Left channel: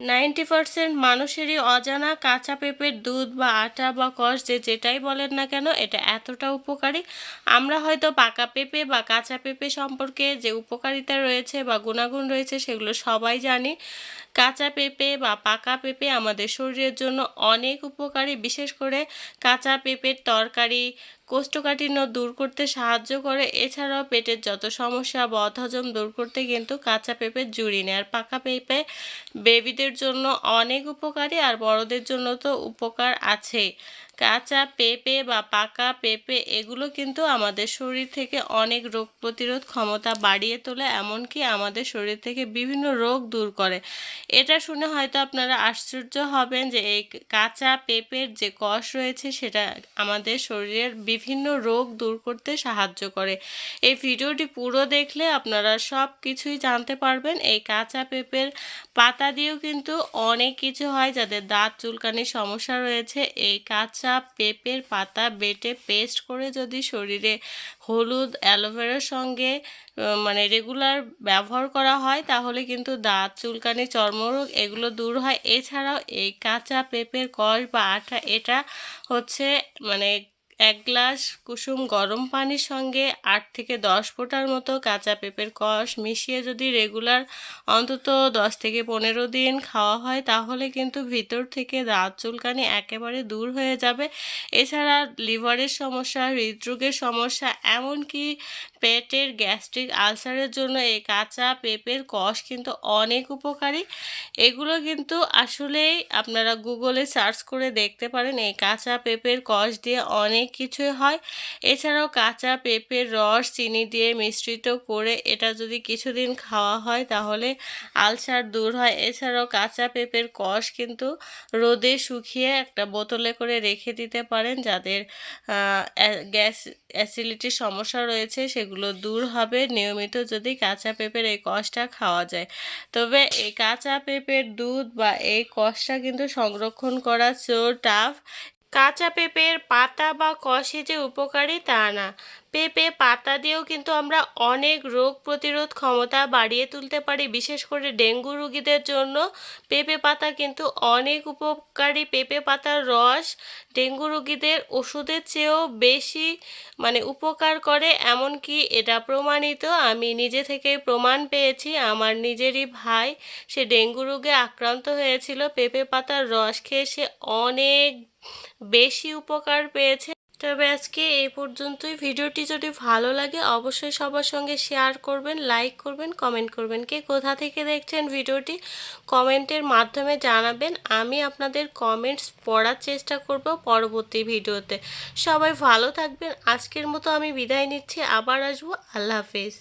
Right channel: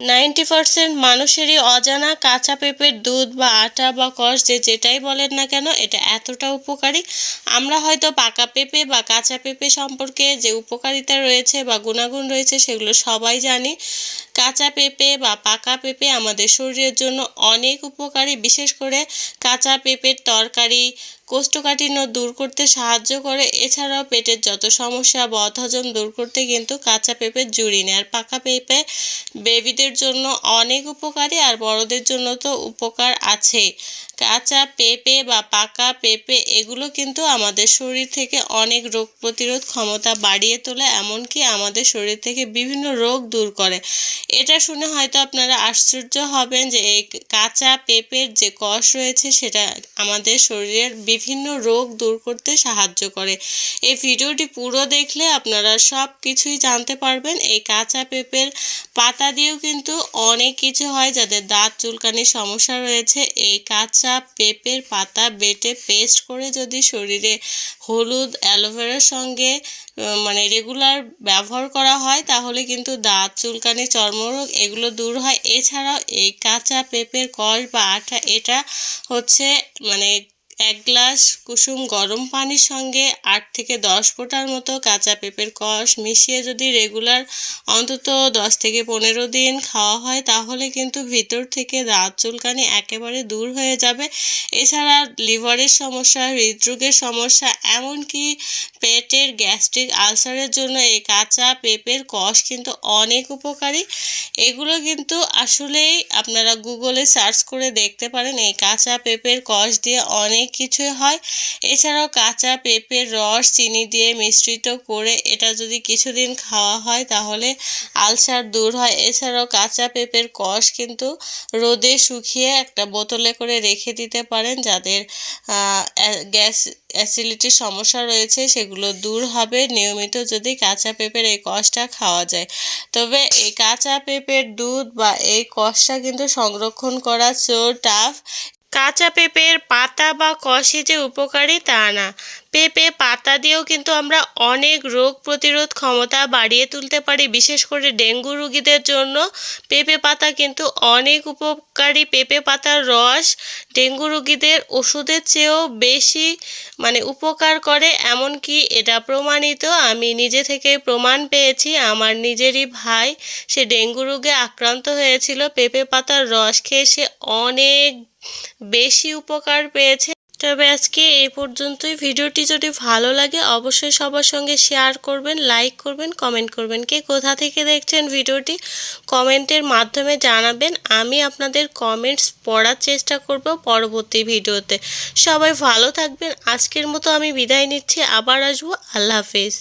Ninety percent মানুষেরই অজানা কাঁচা পেঁপের দুধ বা আটা বা কষ যে যেটাই বলেন না কেন, এটা এতটা উপকারী। আমরা হয়তো পাকা পেঁপে বা কাঁচা পেঁপে সম্পর্কে যে উপকারিতা রয়েছে বা গুণাগুণ রয়েছে সেগুলো সবাই জানি। কাঁচা পেঁপে বা পাকা পেঁপে আমাদের শরীরের জন্য অনেক উপকারী, বিশেষ করে কাঁচা পেঁপের তরকারি কোষ্ঠকাঠিন্য দূর করতে সাহায্য করে। এছাড়াও পেটের যত সমস্যা বদহজম দূর করতে কিন্তু কাঁচা পেঁপের জুড়ি নেয়। আর পাকা পেঁপে বেবিদের জন্য অনেক উপকারী আর বড়দের জন্য তো উপকার আছেই। কাঁচা পেঁপে বা পাকা পেঁপে, এগুলো কিন্তু আমাদের শরীর থেকে অনেক রোগ প্রতিরোধ ক্ষমতা বাড়িয়ে তোলে, এমনকি আমাদের শরীর থেকে বিভিন্ন রোগ দূর করে। এটা শুনে হয়তো আপনারা আশ্চর্য হবেন যে এই কাঁচা পেঁপের যে কষ রয়েছে, সেটা আমাদের শরীরের বিভিন্ন রোগ দূর করতে সাহায্য করে। এই ভিডিওটি পুরো দেখলে আপনারা সব কিছুই জানতে পারবেন। এই কাঁচা পেঁপের পাতা দিয়েও কিন্তু অনেক কিছু হয় যাদের দাঁত, চুলকানির সমস্যা রয়েছে। এই কাঁচা পেঁপের পাতা বেটে পেস্ট করে যদি শরীরে হলুদ অ্যালোভেরার সঙ্গে মানে রেগুলার ব্যবহার করা হয়, তাহলে কিন্তু দাঁত, চুলকানি, চর্মরোগ এগুলো দূর হয়। এছাড়াও এই কাঁচা পেঁপের কষ বা আঠা, এটা হচ্ছে মানে এক গ্লাস কুসুম গরম পানির সঙ্গে আট থেকে দশ ফোঁটার মতো কাঁচা পেঁপের কষ মিশিয়ে যদি রেগুলার অন্তত দশ থেকে পনেরো দিন খাওয়া হয়, তাহলে কিন্তু ভিতর থেকে দাঁত চুলকানি একেবারে দূর হয়ে যাবে। এছাড়া লিভারের সমস্যা, হৃদরোগের সমস্যা, এমনকি পেটের গ্যাস্ট্রিক আলসারের জন্য এই কাঁচা পেঁপের কষ কিন্তু অনেক উপকারী। এগুলো কিন্তু আসলেই আপনারা গুগলে সার্চ করে দেখতে পারেন। এই কাঁচা পেঁপের কষ দিয়ে অনেক কিছুই হয়। এছাড়াও কাঁচা পেঁপের রস, চিনি দিয়ে মিশ্রিত করে এটা যদি কিছুদিন খাওয়া হয় তাহলে আলসার দূর হয়। এছাড়াও কাঁচা পেঁপের কষ কিন্তু রোদে শুকিয়ে একটা বোতলে করে রেখে দিতে পারেন যাদের গ্যাস অ্যাসিডিটির সমস্যা রয়েছে সেগুলো দূর হবে। নিয়মিত যদি কাঁচা পেঁপের এই কষটা খাওয়া যায়। তবে এই কাঁচা পেঁপের দুধ বা এই কষটা কিন্তু সংরক্ষণ করা চো টাফ কাঁচা পেঁপের পাতা বা কষে যে উপকারী তা না। পেঁপে পাতা দিয়েও কিন্তু আমরা অনেক রোগ প্রতিরোধ ক্ষমতা বাড়িয়ে তুলতে পারি, বিশেষ করে ডেঙ্গু রুগীদের জন্য। পেঁপে পাতা কিন্তু অনেক উপকারী। পেঁপে পাতার রস ডেঙ্গু রুগীদের ওষুধের চেয়েও বেশি মানে উপকার করে। এমনকি এটা প্রমাণিত, আমি নিজে থেকে প্রমাণ পেয়েছি, আমার নিজেরই ভাই সে ডেঙ্গু রোগে আক্রান্ত হয়েছিল। পেঁপে পাতার রস খেয়ে সে অনেক বেশি উপকার পেয়েছে। তবে আজকে এ পর্যন্তই। ভিডিওটি যদি ভালো লাগে, অবশ্যই সবার সঙ্গে শেয়ার করবেন, লাইক করবেন, কমেন্ট করবেন। কে কোথা থেকে দেখছেন ভিডিওটি, কমেন্টের মাধ্যমে জানাবেন। আমি আপনাদের কমেন্টস পড়ার চেষ্টা করব পরবর্তী ভিডিওতে। সবাই ভালো থাকবেন। আজকের মতো আমি বিদায় নিচ্ছি। আবার আসব। আল্লাহ হাফিজ।